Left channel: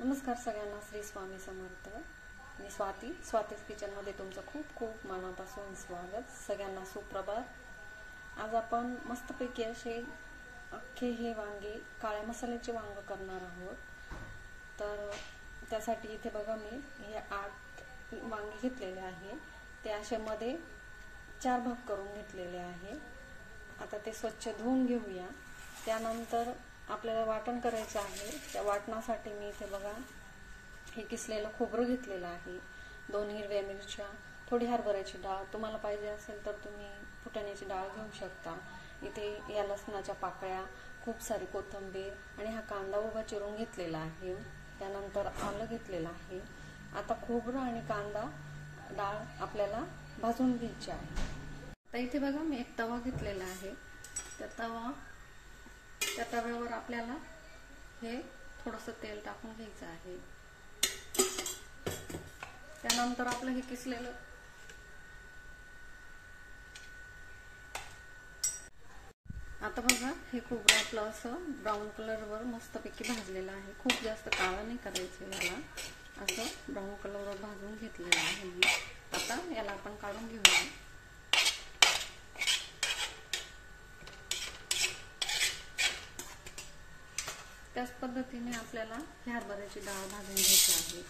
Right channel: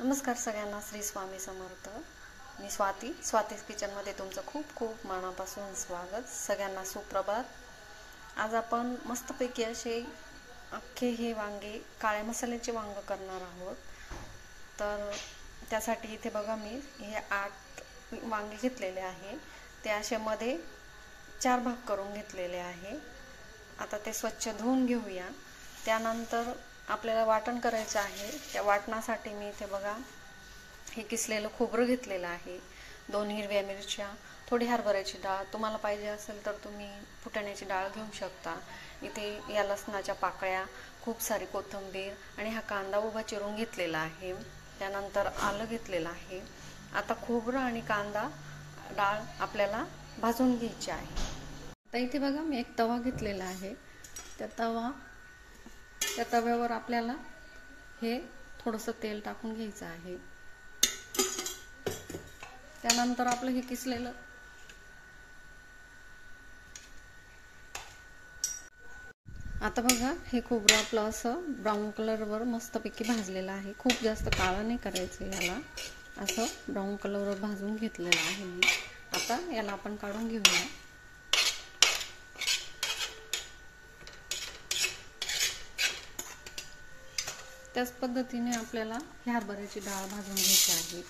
नमस्कार सगळ्यांना, श्री स्वामी समर्थ। मी स्वातीज किचनमध्ये तुमचं खूप खूप मनापासून स्वागत। सगळ्यांना सुप्रभात। आज आपण मस्तपैकी असे अख्खे हे वांगे, काळ्या मसाल्याचे वांगे करणार आहोत। तर त्यासाठी इथे बघा, मी हे 8 वांगे घेतलेले आहे। ते असे मध्ये 4 भाग करून घेतलेले आहे। आता ते स्वच्छ धुवून घेऊया। त्यानंतर आपल्याला वाटण करायचं आहे। त्या वाटणासाठी मी इथे बघा, हे किसलेलं खोबरं घेतलेलं आहे, 2 हिरव्या मिरच्या, थोडी हरभऱ्याची डाळ, तुम्हाला पाहिजे असेल तर तुम्ही फुटाण्याची डाळ घेऊ शकता। इथे या लसणाच्या पाकळ्या, खूप सारी कोथिंबीर आणि हा कांदा उभा चिरून घेतलेला आहे। त्यानंतर आलं घेतलेलं आहे। आता खोबरं आणि कांदा डाळ आपल्याला भाजून घ्यायची आहे। तर इथे बघा, मी एक तवा घेतलेला आहे। त्या तव्यावर आपल्याला हे थोडंसं तेल टाकून घ्यायचं आहे। त्यानंतर आपलं हे किसलेलं आता बघा, हे खोबरं आपलं असं ब्राऊन कलरवर मस्तपैकी भाजलेलं आहे। खूप जास्त काळं नाही करायचं याला, असं ब्राऊन कलरवर भाजून घेतलेलं आहे मी। आता याला आपण काढून घेऊया। त्याच पद्धतीने आपल्याला हरभऱ्याची डाळ भाजून घ्यायची आहे।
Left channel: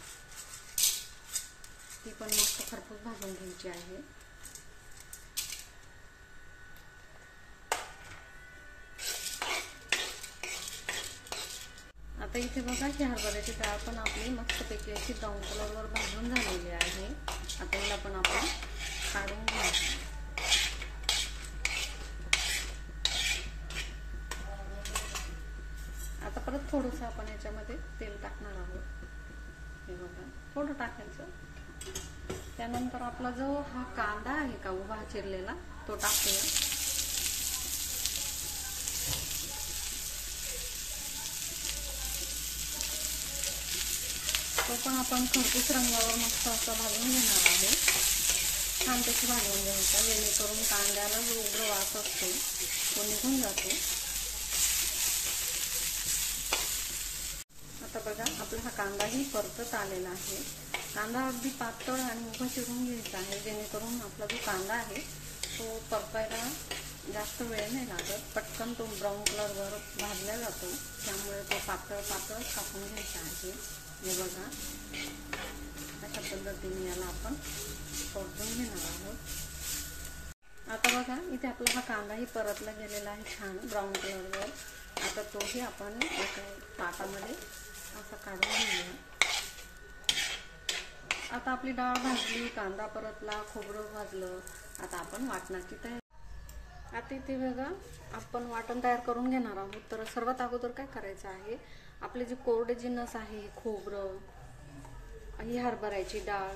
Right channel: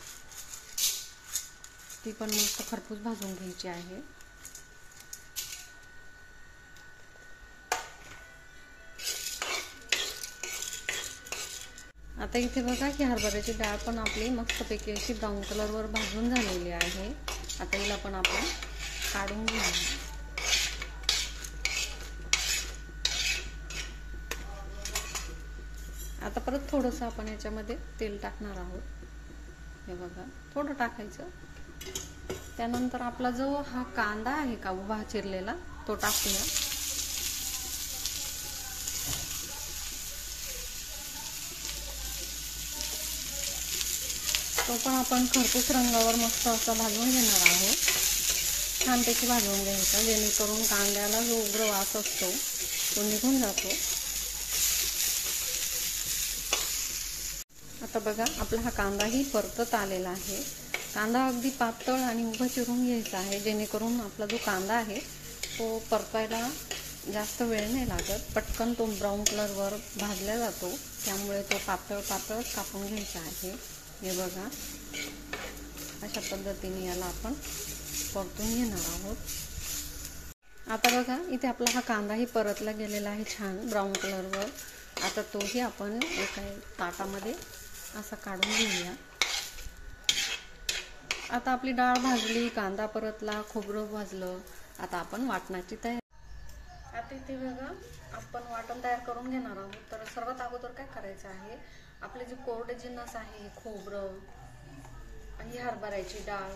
ती पण मस्त खरपूस भाजून घ्यायची आहे। आता इथे बघा, ही हरभऱ्याची डाळ पण आपली मस्तपैकी अशी ब्राऊन कलरवर भाजून झालेली आहे। आता हिला पण आपण काढून घेऊया। आता परत थोडंसं आपण याच्यामध्ये तेल टाकणार आहोत। हे बघा, थोडं टाकायचं। त्यानंतर आपला जो हा कांदा आहे का उभा चिरलेला, तो टाकूया। तो पण आपण खरपूस रंगावर मस्त असं भाजून घेणार आहोत। छानपैकी भाजून घ्यायचा, जेणेकरून कांद्याला जो उग्र वास असतो तो निघून जातो। आता बघा, आपला हा कांदाही परतत आलेला आहे। कांदा अगदी पातळ आणि उभा चिरून घ्यायचा आहे, जेणेकरून आपला जो कांदा आहे तो परतायला जास्त वेळ नाही लागत। पटकन तो ब्राऊन कलरवर भाजला जातो, त्यामुळे तो पातळ कापून घ्यायचा आहे। हे बघा, अशा पद्धतीने याला आपण परतून घेणार आहोत। आता बघा, इथे आपला हा कांदाही परतला गेलेला आहे छान ब्राऊन कलरवर। आता तोही आपण एका ताटामध्ये असं काढून घेऊया। आता आपली डाळ भाजली, कांदा परतला, खोबरं भाजलं। आता आपण वाटणाची तयारी। आता इथे बघा, आपण वाटण तयार करून घेणार आहोत। तर सर्वात अगोदर काय करायचं आहे, आपले जे कोरडे जिन्नस आहे, खोबरं आणि हरभऱ्याची डाळ,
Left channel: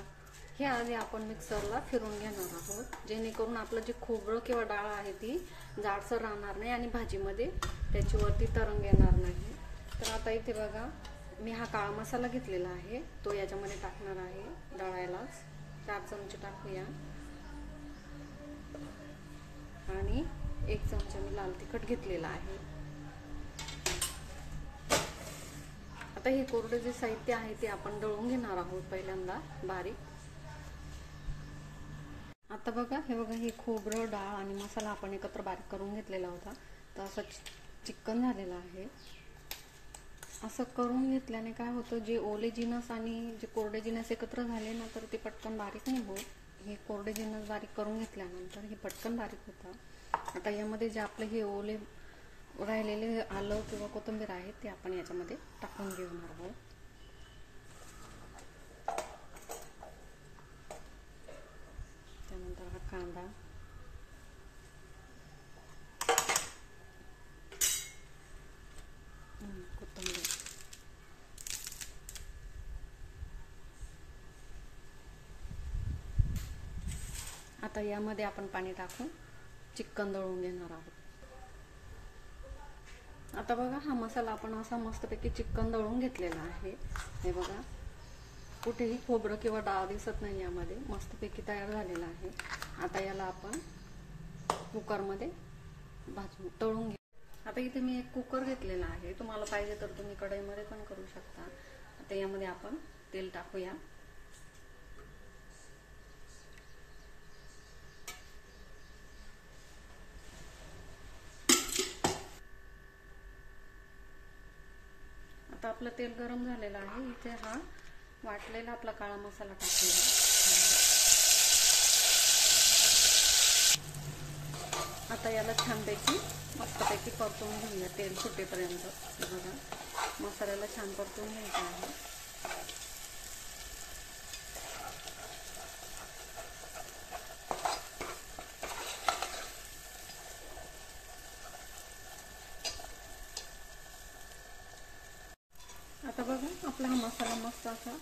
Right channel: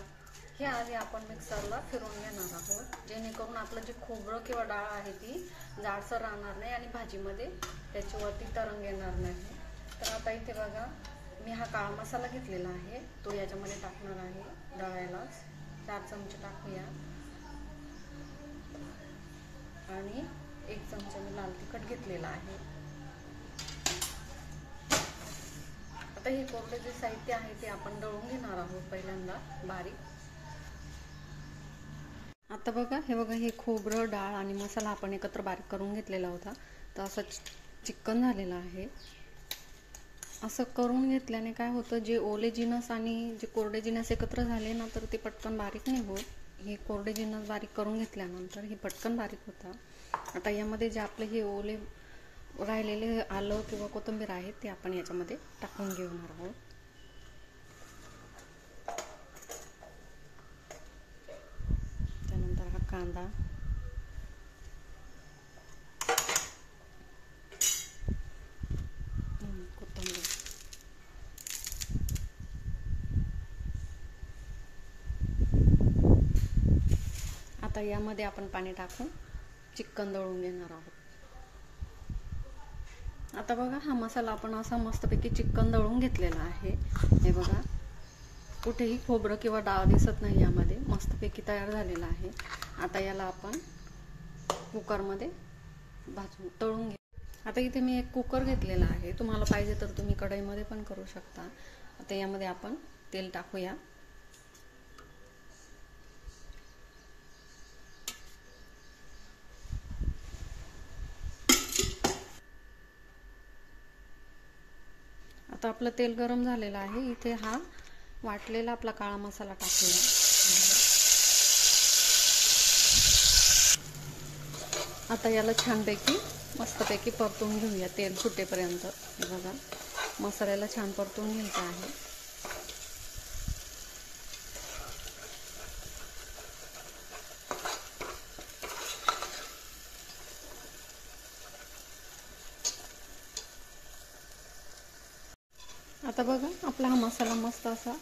हे आधी आपण मिक्सरला फिरून घेणार आहोत, जेणेकरून आपलं जे खोबरं किंवा डाळ आहे ती जाडसर राहणार नाही आणि भाजीमध्ये त्याच्यावरती तरंग येणार नाही। तर आता इथे बघा, मी हा काळा मसाला घेतलेला आहे, तो याच्यामध्ये टाकणार आहे। दळायलाच 4 चमचे टाकूया आणि 1 चमचा मी लाल तिखट घेतलेला आहे। आता हे कोरडे जे साहित्य आहे ते आपण दळून घेणार आहोत पहिल्यांदा बारीक। आता बघा, हे खोबरं, डाळ आणि मसाला आपण एकत्र बारीक करून घेतलेला होता, तर असं चिकन झालेलं आहे। असं करून घेतल्याने काय होतं, जे ओले जिन्नस आणि जे कोरडे जिन्नस एकत्र झाले ना, तर ते पटकन बारीक नाही होत। हे कोरडे जिन्नस बारीक करून घेतल्यानंतर हे पटकन बारीक होतात। आता यामध्ये जे आपले हे ओले राहिलेले आलं किंवा कोथिंबीर आहे ते आपण याच्यामध्ये टाकून घेणार आहोत। त्यानंतर हा कांदा, कोथिंबीर, आता यामध्ये आपण पाणी टाकून चिकन दळून घेणार आहोत। आता बघा, हा मसाला आपण असा मस्तपैकी चिकन दळून घेतलेला आहे। हे बघा, कुठेही खोबरं किंवा डाळ दिसत नाही, यामध्ये मस्तपैकी तयार झालेला आहे। आता याला आपण कुकरमध्ये तळून घे। आता इथे मी एक कुकर घेतलेला आहे, तुम्हाला पाहिजे तर तुम्ही कढईमध्ये पण करू शकता। आता यामध्ये आपण तेल टाकूया. आता आपलं तेल गरम झालेलं आहे. इथे हा वाटलेला आपला काळा मसाला टाकूया. आता याला छानपैकी मस्तपैकी परतून घेऊया तेल सुटेपर्यंत. बघा मसाल्याला छान परतून घ्यायचं आहे. आता बघा आपला हा मसाला मस्त असा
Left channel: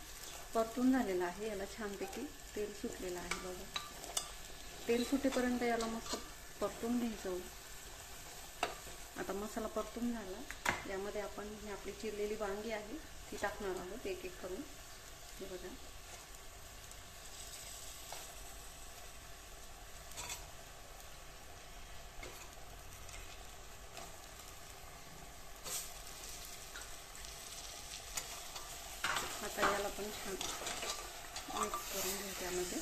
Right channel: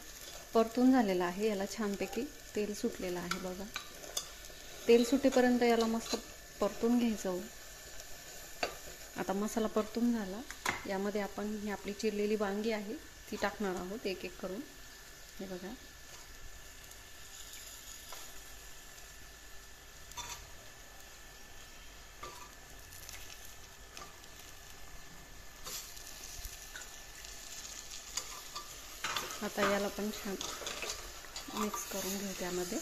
परतून झालेला आहे. याला छानपैकी तेल सुटलेलं आहे. बघा तेल सुटेपर्यंत याला मस्त परतून घ्यायचं. आता मसाला परतून झाला. यामध्ये आपण ही आपली चिरलेली वांगी आहे ती टाकणार आहोत एक एक करून. हे बघा आता याला पण छान मिक्स करून घेऊ त्यामध्ये.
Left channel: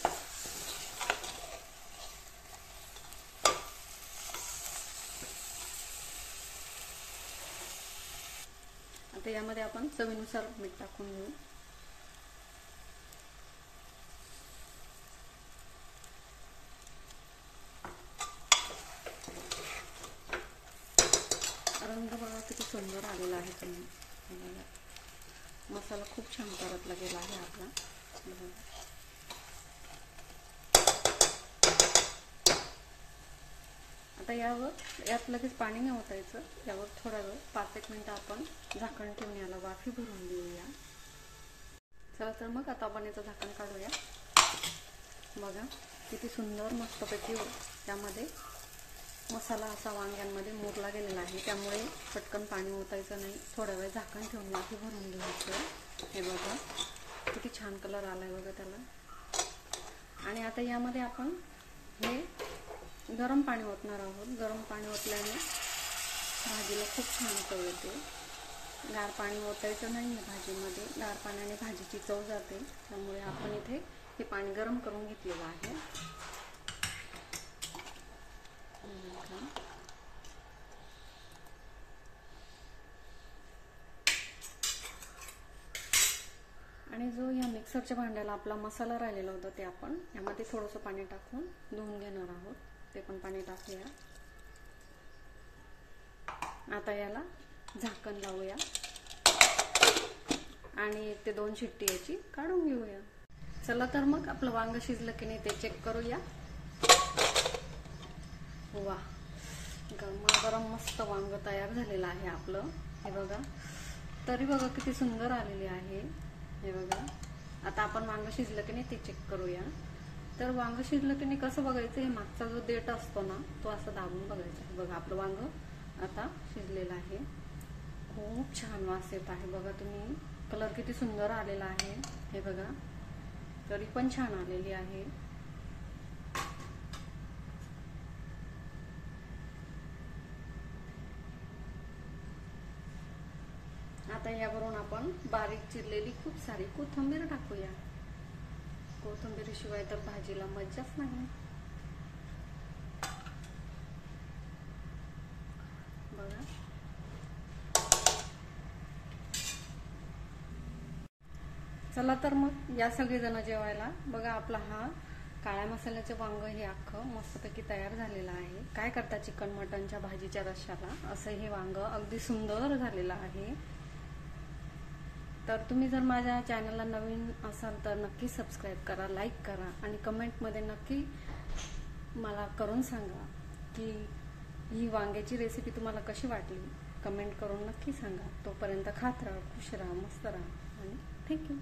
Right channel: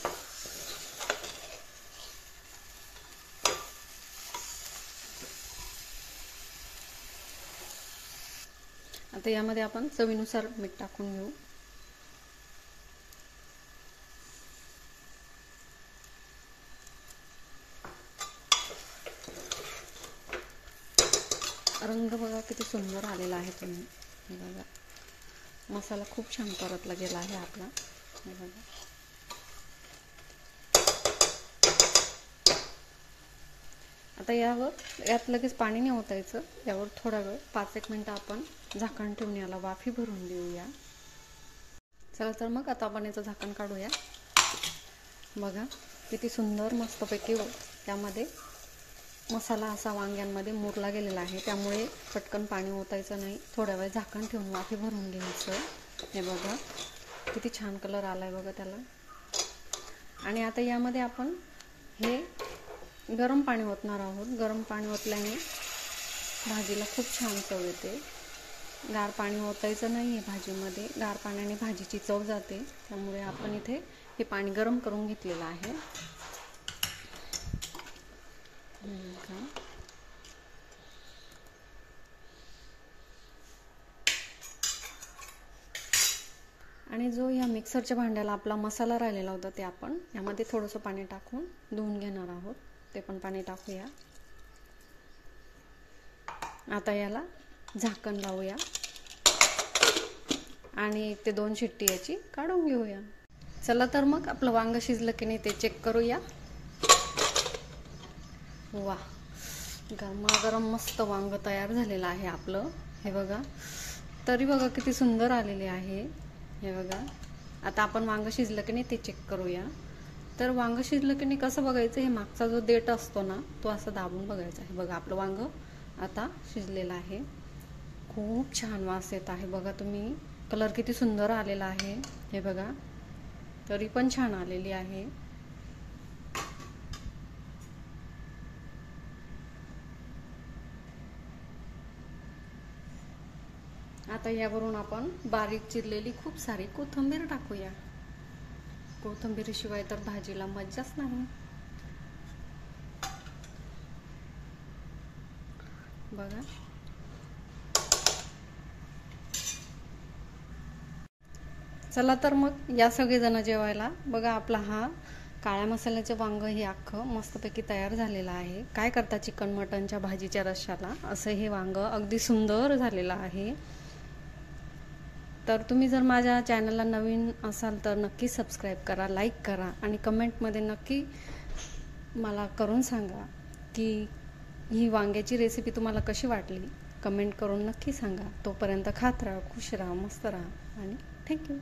आता यामध्ये आपण चवीनुसार मीठ टाकून घेऊ. रंग बघा किती सुंदर आलेला आहे. तुम्ही बघा मसाला खूप छान परतला गेला आहे आपला. आता यात लगेच पाणी नाही ओतायचं. यावर थोडा वेळ 5-1 मिनिटं आपण झाकण ठेवून याला वाफी भरून देऊया. चला तर मग आता आपण याचं झाकण काढूया. बघा किती सुंदर मस्तपैकी त्यामध्ये मसाला असा वांग्यांमध्ये मुरला गेलेला आहे. त्यामुळे पटकन पाणी ओतायचं नाही. थोडा वेळ झाकण ठेवून वाफी भरून घ्यायचं. हे बघा किती छान कलर आलाय बघा त्याला. आणि आता यामध्ये आपण हे गरम पाणी ओतणार आहोत. गरम पाणी ओतल्याने भाजीला खूप छान चव येते. गार पाणी ओतायचं नाही आहे भाजीमध्ये. गार पाण्याने भाजीची चव जाते. त्यामुळे आपण इथे हे पाणी गरम करून घेतलेलं आहे. आणि जो ह्या मिक्सरच्या भांड्याला आपला मसाला राहिलेला होता ते आपण यामध्ये थोडंसं पाणी टाकून धुवून घेणार आहोत. ते पण पाणी टाकूया. आता याला झाकण लावूया आणि 1 ते 2 शिट्टी याची काढून घेऊया. चला तर मग आपलं वांग शिजलं की नाही ते चेक करूया. वा गरमागरम मस्त वांग तयार झालेलं आहे आपलं. हे बघा तरी बघा किती सुंदर आलेले आहे. हे बघा आता आपण वांग शिजलं की नाही ते चेक करूया. तर वांग शिजलं की नाही कसं बघायचं, हे मागचा जो देठ असतो ना तो असं दाबून बघायचा आहे. बघा आपलं वांग आता शिजलेलं आहे. खूप छान वास येत आहे. बघा तुम्ही कलर किती सुंदर आलेला आहे. हे बघा तरी पण छान आलेली आहे. आता यावरून आपण बारीक चिरलेली खूप सारी कोथिंबीर टाकूया. कोथिंबीरीशिवाय तर भाजीला मज्जाच नाही. बघा चला तर मग या सगळेजण जेवायला. बघा आपला हा काळ्या मसाल्याचं वांग हे अख्खं मस्तपैकी तयार झालेलं आहे. काय करता चिकन मटनच्या भाजीच्या रश्श्याला असं हे वांग अगदी सुंदर झालेलं आहे. तर तुम्ही जर माझ्या चॅनलला नवीन असाल तर नक्की सबस्क्राईब करा, लाईक करा आणि कमेंटमध्ये नक्की मला करून सांगा की ही वांग्याची रेसिपी तुम्हाला कशी वाटली. कमेंट करून नक्की सांगा. तोपर्यंत खात राहा, खुश राहा, मस्त राहा आणि थँक्यू.